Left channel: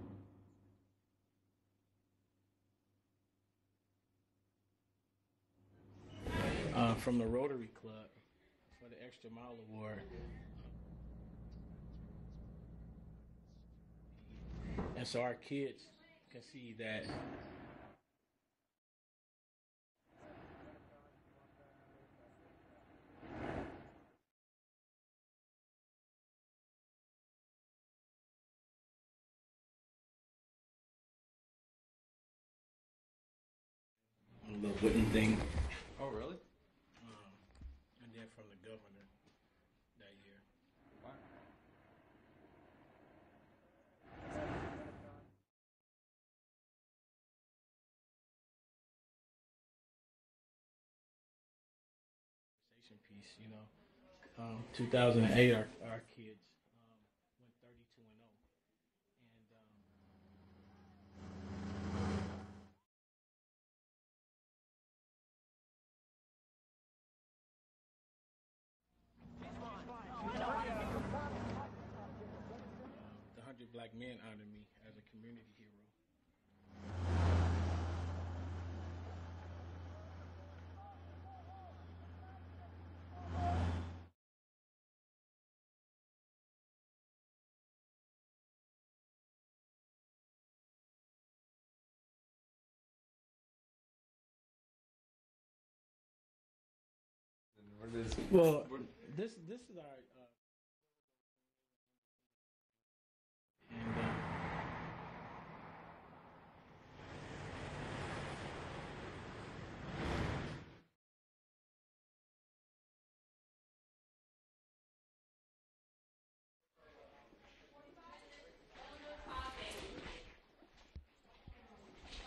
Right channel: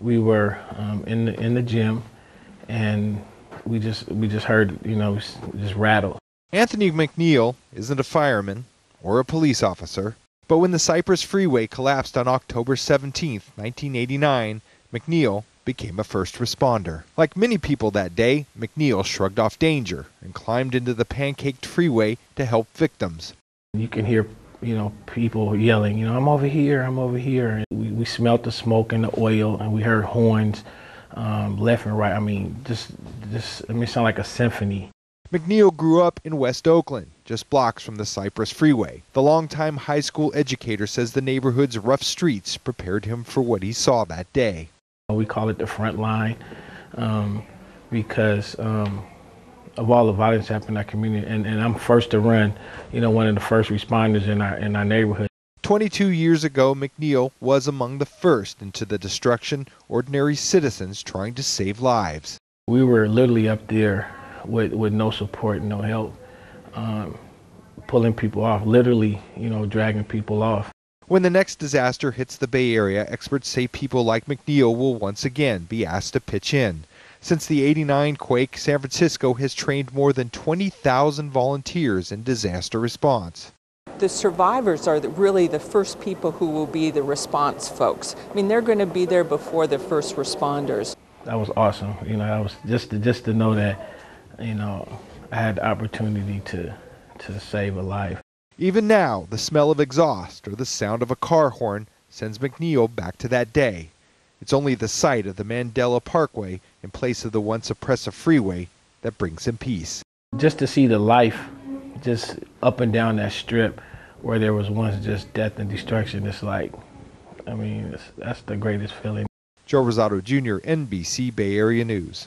We were in the gym, and we just heard, just rattle. Anthony McNeil isn't a fireman or a police officer, but when the Cypress Freeway collapsed on October 17, 1989, McNeil became a first responder. Like many people that day, McNeil shrugged off danger and climbed into the pancaked freeway to help victims. You can hear, people yelling, I'm over here, I'm over here. And we smelled the smoke and the oil, and we heard horns left and right. I mean, it sounded like a symphony. McNeil grew up in West Oakland, just blocks from the Cypress Freeway. The longtime high school educator says the neighborhood's rough streets prepared him for what he saw that day. We call it the front line because of all the violence happening in our community, and I'm first to run, one of the first responders in our neighborhood. 22 years ago, McNeil was among the first into the destruction, ordinary citizens trying to save lives. We were literally up there with no support, no help, pulling people off, literally, dragging people off. When the next disaster hits the Bay Area, experts say people like McNeil will once again be asked to pitch in. Since the '89 quake, San Francisco has trained more than 20,000 volunteers in disaster response. The survivors are really the first people who will be the response folks. I mean, they're going to be there before the first responders. That was awesome. That was just to know that, I had the opportunity to save a life. Even now, the smell of exhaust or the sound of a car horn sends McNeil back to that day. It's only the sight of the Mandela Parkway in place of the once oppressive freeway that brings him peace. Just to see the life just up and down that strip where there was once just death and destruction, it's like, that's the greatest feeling. Joe Rosado Jr., NBC Bay Area News.